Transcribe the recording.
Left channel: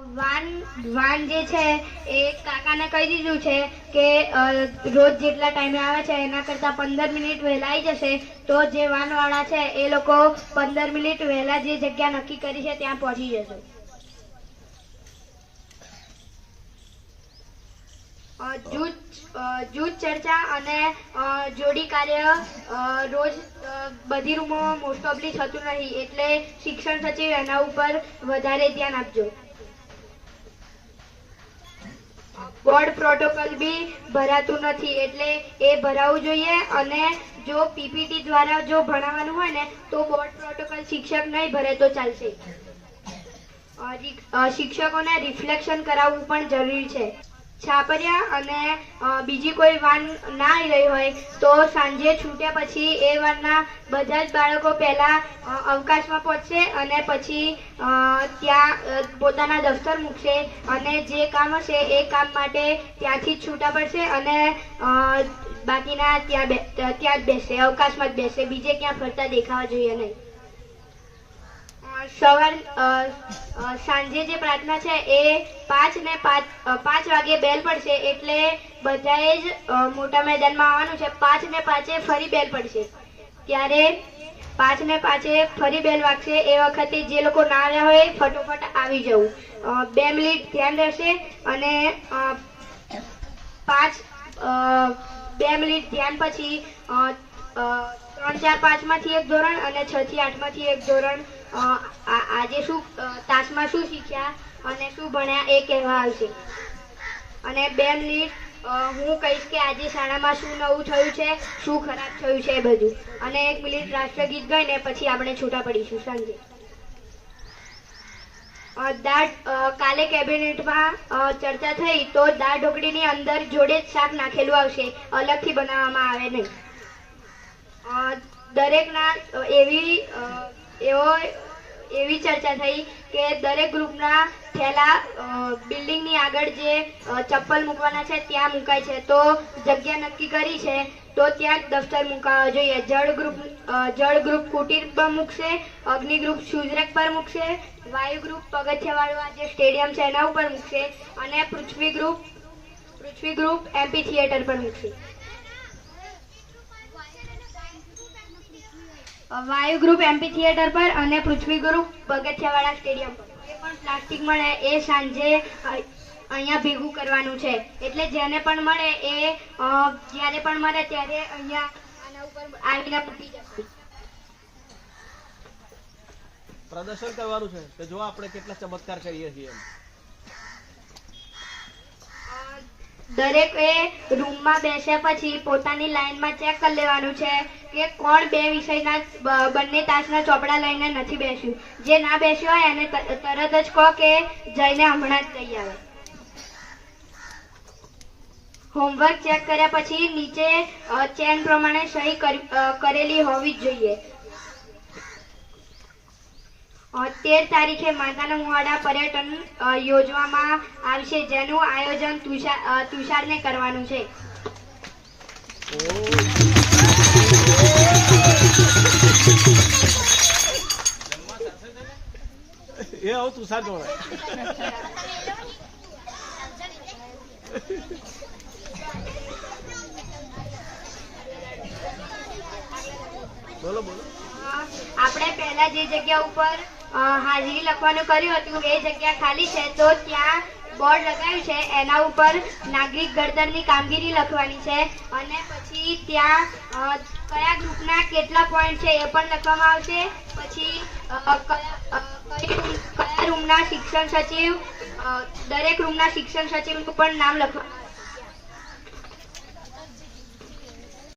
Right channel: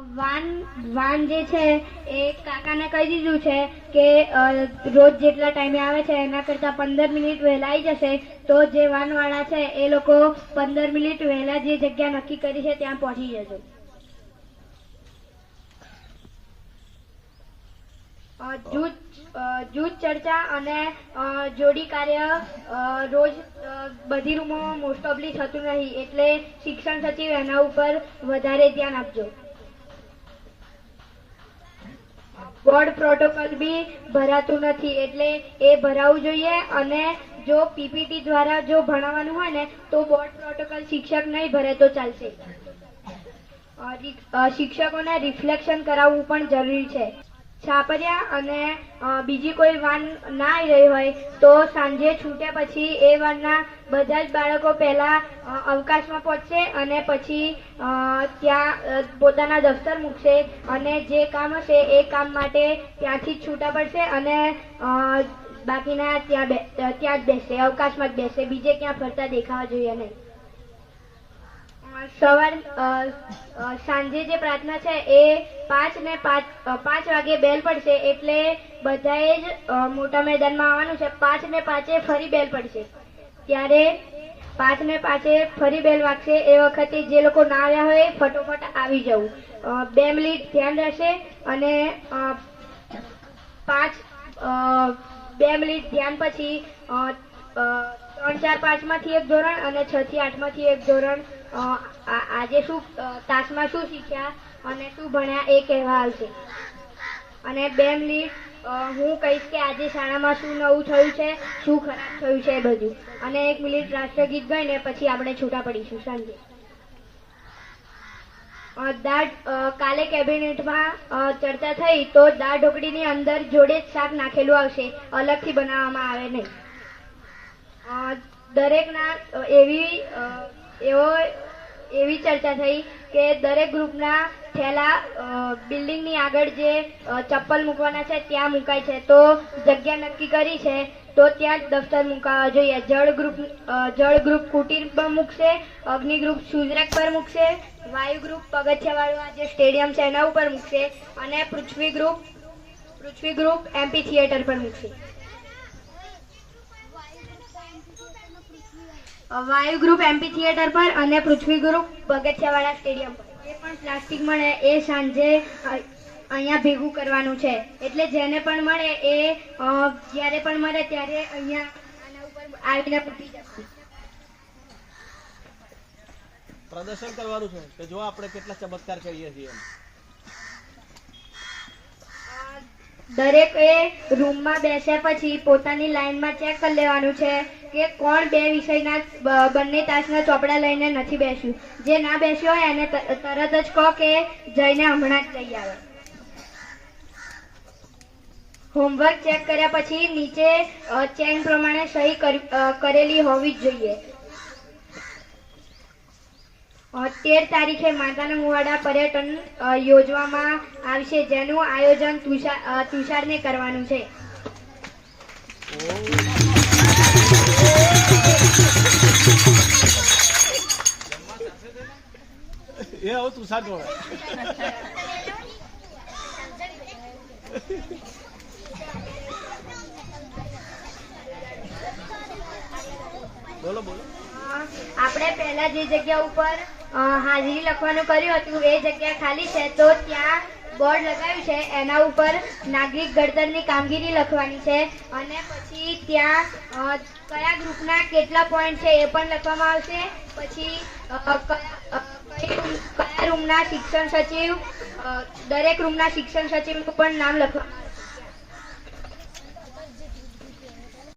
Van van જે છે એ કાકાને કહી દીધું છે કે રોજ જેટલા ટાઈમે આવે છે એના કરતાં 15 મિનિટ વહેલા આવી જશે તો જે વાનવાળા છે એ લોકો 15 મિનિટ વહેલા જે જગ્યા નક્કી કરી છે ત્યાં પહોંચી જશે. જૂથ ચર્ચા અને જોડી કાર્ય રોજ બધી રૂમોમાં મોસ્ટ ઓફલી થતું નહીં, એટલે શિક્ષણ સચિવ એના ઉપર વધારે ધ્યાન આપજો. બોર્ડ પ્રોટોકોલ બી ભરાતું નથી, એટલે એ ભરાવવું જોઈએ. અને જો પીપીટી દ્વારા જો ભણાવવાનું હોય ને તો બોર્ડ પ્રોટોકોલ શિક્ષક નહીં ભરે તો ચાલશે. શિક્ષકોને રિફ્લેક્શન કરાવવું પણ જરૂરી છે. છાપરિયા અને બીજી કોઈ વાન ના આવી રહી હોય તો સાંજે છૂટ્યા પછી એ વાનના બધા જ બાળકો પહેલા અવકાશમાં પહોંચશે અને પછી ત્યાં પોતાના દફતર મૂકશે અને જે કામ હશે એ કામ માટે ત્યાંથી જ છૂટા પડશે અને બાકીના ત્યાં જ બેસશે, અવકાશમાં જ બેસશે, બીજે ક્યાં ફરતા દેખાવા જોઈએ નહીં. સાંજે જે પ્રાર્થના છે એ 5 વાગે બેલ પડશે, એટલે બધાએ જ મોટા મેદાનમાં આવવાનું છે. 5:05 ફરી બેલ પડશે, ત્યારે 5:05 ફરી બેલ વાગશે. એ વખતે જે લોકો ના આવ્યા હોય ફટોફટ આવી જવું. 2 મિનિટ ધ્યાન રહેશે અને 2 મિનિટ ધ્યાન પછી 3, 4, 5 માંથી એક ધોરણ અને 6 થી 8 માંથી એક ધોરણ આજે શું તાસમાં શું શીખ્યા અને શું ભણ્યા એ કહેવા આવશે. અને 2 મિનિટ હું કહીશ કે આજે શાળામાં શું નવું થયું છે, શું ખરાબ થયું છે એ બધું. અને 1 મિનિટ રાષ્ટ્રગીત ગાઈને પછી આપણે છૂટા પડીશું સાંજે. કાલે કેબિનેટમાં ચર્ચા થઈ તો દાળ ઢોકળીની અંદર જોડે જ શાક નાખેલું આવશે, અલગથી બનાવવામાં આવે નહીં. દરેકના એવી ચર્ચા થઈ કે દરેક ગ્રુપના થેલા બિલ્ડિંગની આગળ જે ચપ્પલ મૂકવાના છે ત્યાં મુકાય છે, તો જગ્યા નક્કી કરી છે તો ત્યાં જ દફતર મુકાવવા જોઈએ. જળ ગ્રુપ કુટીર પર મૂકશે, અગ્નિ ગ્રુપ શૂઝરેક પર મૂકશે, વાયુ ગ્રુપ પગથિયાવાળું આ જે સ્ટેડિયમ છે એના ઉપર મૂકશે અને પૃથ્વી ગ્રુપ એમપી થિયેટર પર મૂકશે. વાયુ ગ્રુપ એમપી થિયેટર પર અને પૃથ્વી ગ્રુપ પગથિયાવાળા સ્ટેડિયમ પર. જે પણ પ્લાસ્ટિક મળે એ સાંજે અહીંયા ભેગું કરવાનું છે, એટલે જેને પણ મળે એ જ્યારે પણ મળે ત્યારે અહીંયા આના ઉપર આવીને મૂકી જશે. પ્રદર્શન કરવાનું છે તો જો આપણે કેટલા ચમત્કાર કરીએ છીએ. દરેકે રૂમમાં બેસ્યા પછી પોતાની લાઈનમાં ચેક કરી લેવાનું છે કે કોણ 2 વિષયના બંને તાસના ચોપડા લઈને નથી બેસ્યું. જે ના બેસ્યો હોય એને તરત જ કહો કે જઈને હમણાં જ લઈ આવે. હોમવર્ક ચેક કર્યા પછી નીચે ચેન પ્રમાણે સહી કરેલી હોવી જ જોઈએ. 13 તારીખે માતાના મુવાડા પર્યટન યોજવામાં આવશે, જેનું આયોજન તુષારને કરવાનું છે. એ આવું તુષાર જોડે બોલો. આપણે પહેલા જે જગ્યા ઉપર હાજરી લખવાનું કર્યું હતું એ જગ્યા ખાલી છે, તો ત્યાં બોર્ડ લગાવ્યું છે, એના ઉપર નાગરિક ઘડતરની કામગીરી લખવાની છે અને પછી ત્યાં કયા ગ્રુપના કેટલા પોઈન્ટ છે એ પણ લખવામાં આવશે. પછી કયા રૂમના શિક્ષણ સચિવ, દરેક રૂમના શિક્ષણ સચિવનું પણ નામ લખવામાં આવશે.